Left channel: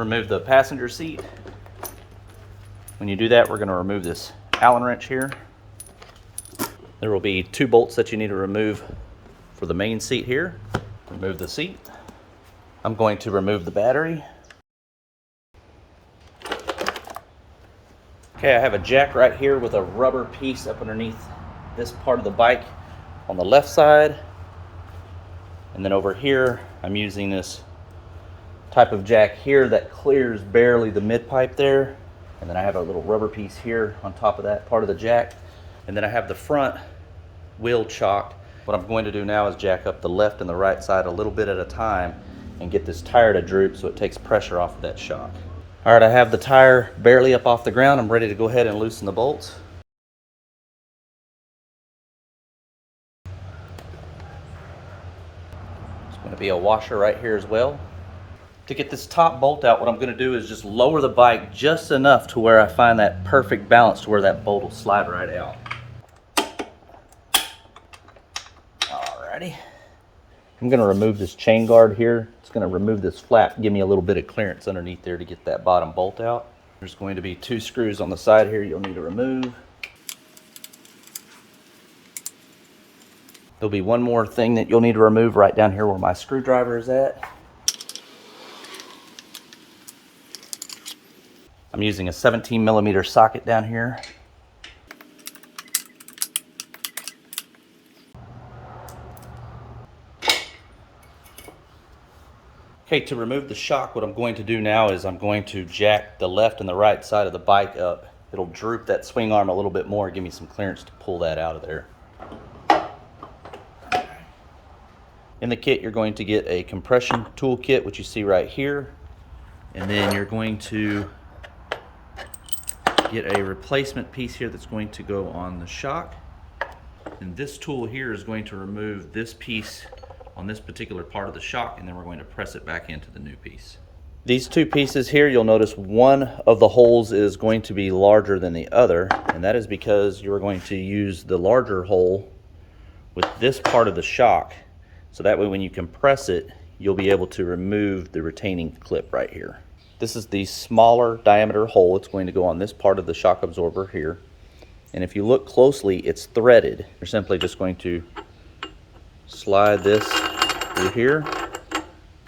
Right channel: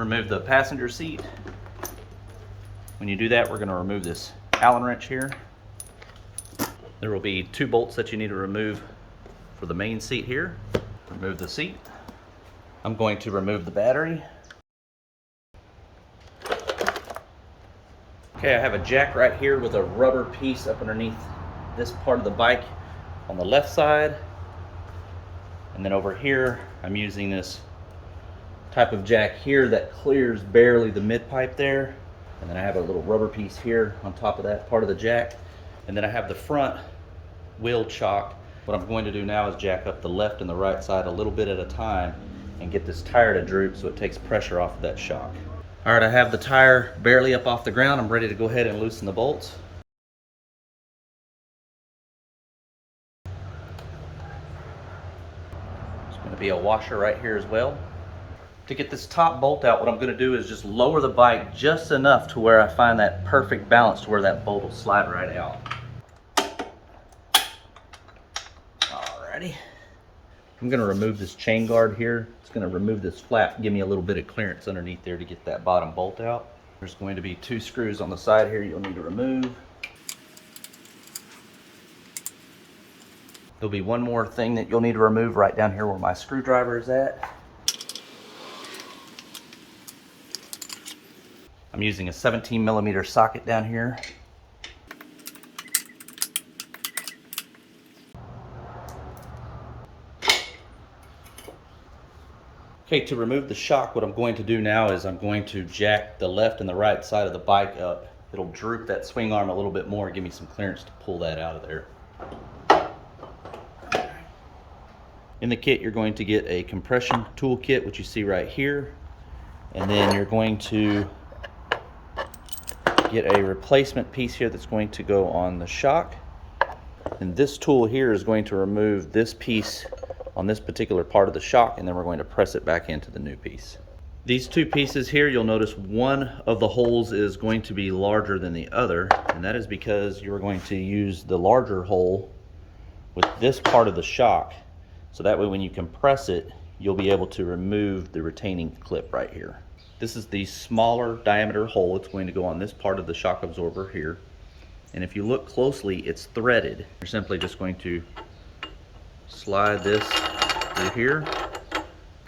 remove the passenger seat. When you do that, we're going to remove this Allen wrench here. There will be 2 bolts that you need to remove for the main seat here. Remove the seat. I'm going to remove the battery. Okay, I have a jack right here with a rubber piece up underneath this part of the bike on the left side. And then over here, I'm using this type of jack here that clears barely the mid pipe there. And then I have a little rubber piece here on top of that part of the jack. And then I have the front wheel chock. What I'm going to do now is jack up the left and the right side a little bit at a time and get this tire to droop so it takes pressure off of that shock. All right, I have the tire barely up off the ground. I'm ready to go ahead and loosen the bolts. There's going to be a washer right here as well. To get this top bolt out, what I'm going to do is just lower the bike just enough to where I find that perfect balance to where that bolt will slide right out. Alrighty. I'm going to remove this chain guard here. It's going to remove this flap, give me a little bit of clearance underneath there to get that bottom bolt out. There's going to be 2 screws on the side here you'll need to remove. There'll be one more thing that you'll need to remove right down here where my screwdriver is at. I'm using a 17mm socket down here. Okay, to remove the shock, what I'm going to do now is I'm going to jack the left and the right side of the bike up. It'll droop that swing arm a little bit more, give me some clearance to pull that out of there. In the kit, you're going to get a compression tool kit, which you see right here. And then you're going to get a replacement piece here that's going to go on the shock. And this tool here is going to remove this piece on this particular part of the shock, and then we're going to press it back into the new piece. These 2 pieces here, you'll notice one of the holes is going to be larger than the other, and that is because you're going to use the larger hole with this part of the shock, so that way when you compress it, you'll be able to remove the retaining clip right here. This is the smaller diameter hole. It's going to go on this part of the shock absorber here. And if you look closely, it's threaded. You're simply just going to slide this through here.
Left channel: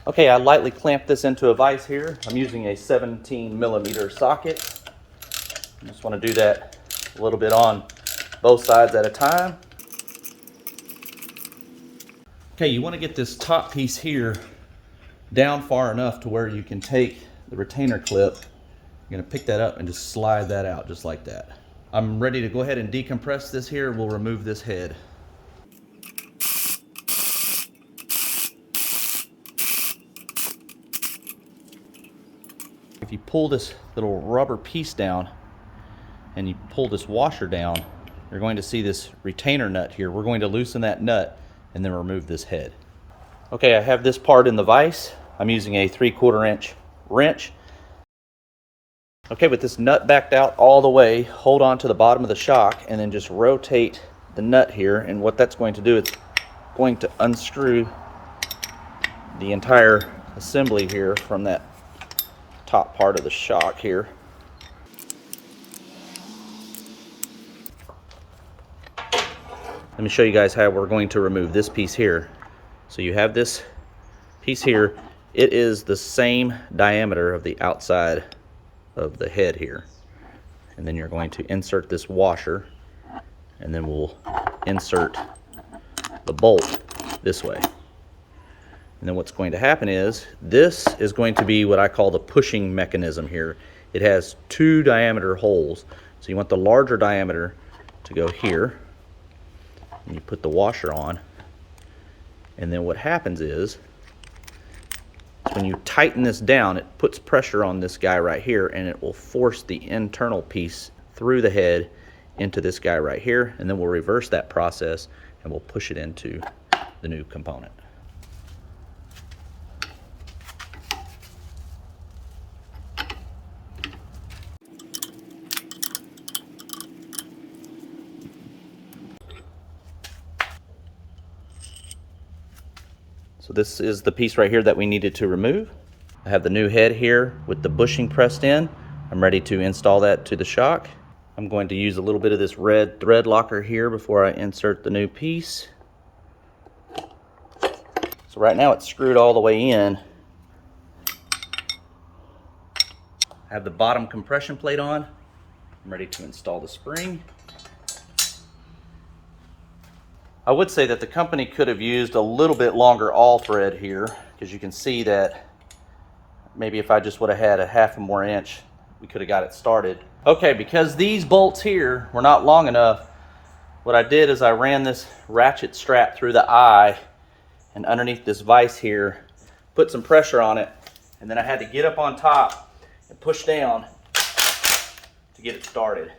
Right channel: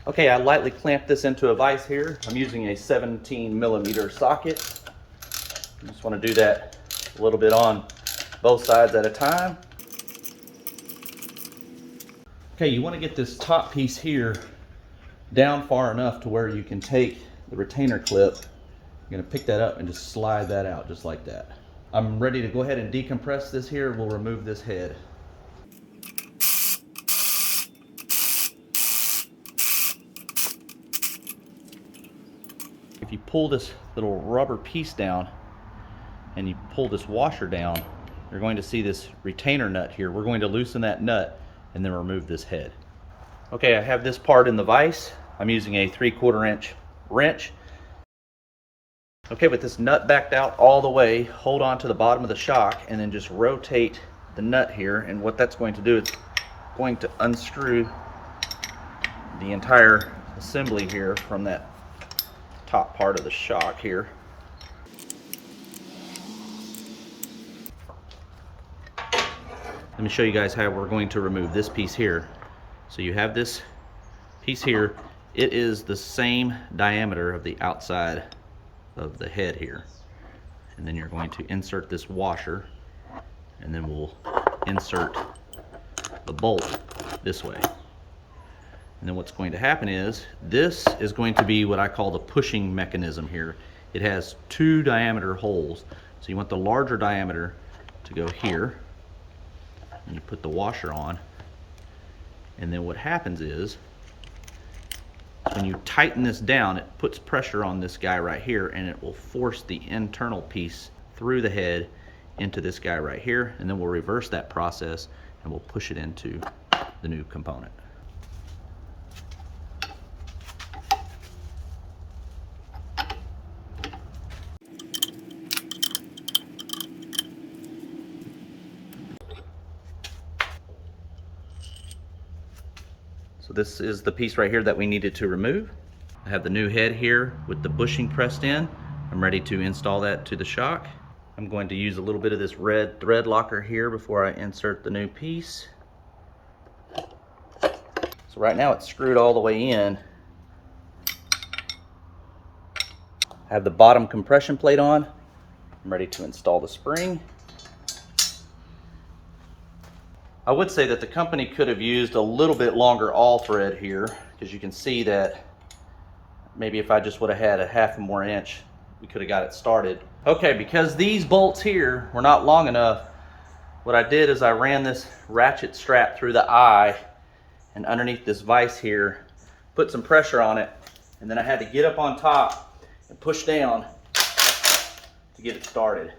Okay, I lightly clamped this into a vise here. I'm using a 17mm socket. I just want to do that a little bit on both sides at a time. Okay, you want to get this top piece here down far enough to where you can take the retainer clip. You're going to pick that up and just slide that out just like that. I'm ready to go ahead and decompress this here. We'll remove this head. If you pull this little rubber piece down and you pull this washer down, you're going to see this retainer nut here. We're going to loosen that nut and then remove this head. Okay, I have this part in the vise. I'm using a 3/4 inch wrench. Okay, with this nut backed out all the way, hold on to the bottom of the shock and then just rotate the nut here, and what that's going to do, it's going to unscrew the entire assembly here from that top part of the shock here. Let me show you guys how we're going to remove this piece here. So you have this piece here. It is the same diameter of the outside of the head here. And then you're going to insert this washer, and then we'll insert the bolt this way. And then what's going to happen is, this is going to be what I call the pushing mechanism here. It has 2 diameter holes. So you want the larger diameter to go here. And you put the washer on. And then what happens is, when you tighten this down, it puts pressure on this guy right here, and it will force the internal piece through the head into this guy right here. And then we'll reverse that process and we'll push it into the new component. So this is the piece right here that we needed to remove. I have the new head here with the bushing pressed in. I'm ready to install that to the shock. I'm going to use a little bit of this red thread locker here before I insert the new piece. So right now it's screwed all the way in. I have the bottom compression plate on. I'm ready to install the spring. I would say that the company could have used a little bit longer awl thread here, because you can see that maybe if I just would have had a half a more inch, we could have got it started. Okay, because these bolts here were not long enough, what I did is I ran this ratchet strap through the eye and underneath this vise here, put some pressure on it, and then I had to get up on top and push down to get it started.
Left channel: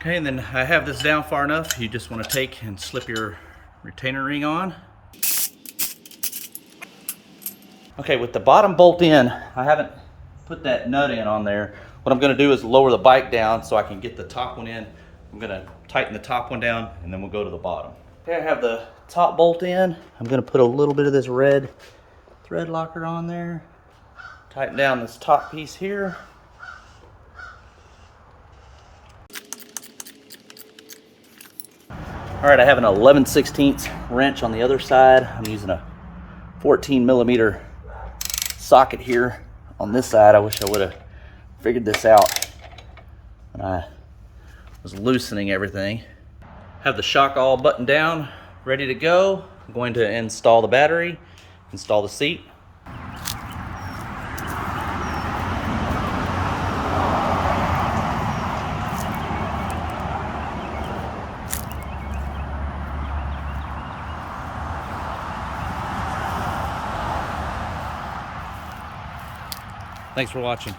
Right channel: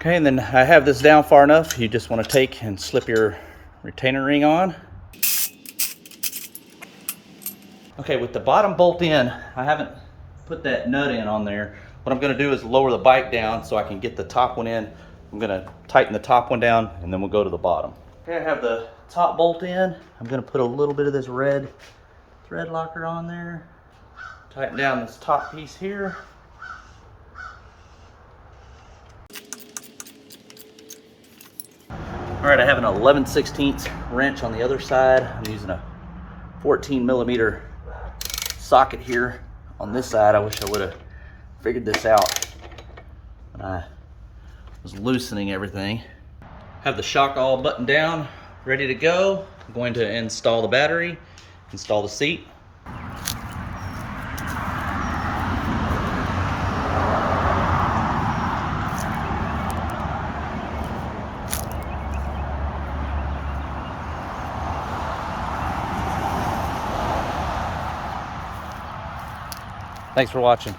Okay, and then I have this down far enough, you just want to take and slip your retainer ring on. Okay, with the bottom bolt in, I haven't put that nut in on there. What I'm going to do is lower the bike down so I can get the top one in. I'm going to tighten the top one down and then we'll go to the bottom. Okay, I have the top bolt in. I'm going to put a little bit of this red thread locker on there. Tighten down this top piece here. All right, I have an 11/16 wrench on the other side. I'm using a 14mm socket here on this side. I wish I would have figured this out when I was loosening everything. Have the shock all buttoned down, ready to go. I'm going to install the battery, install the seat. Thanks for watching.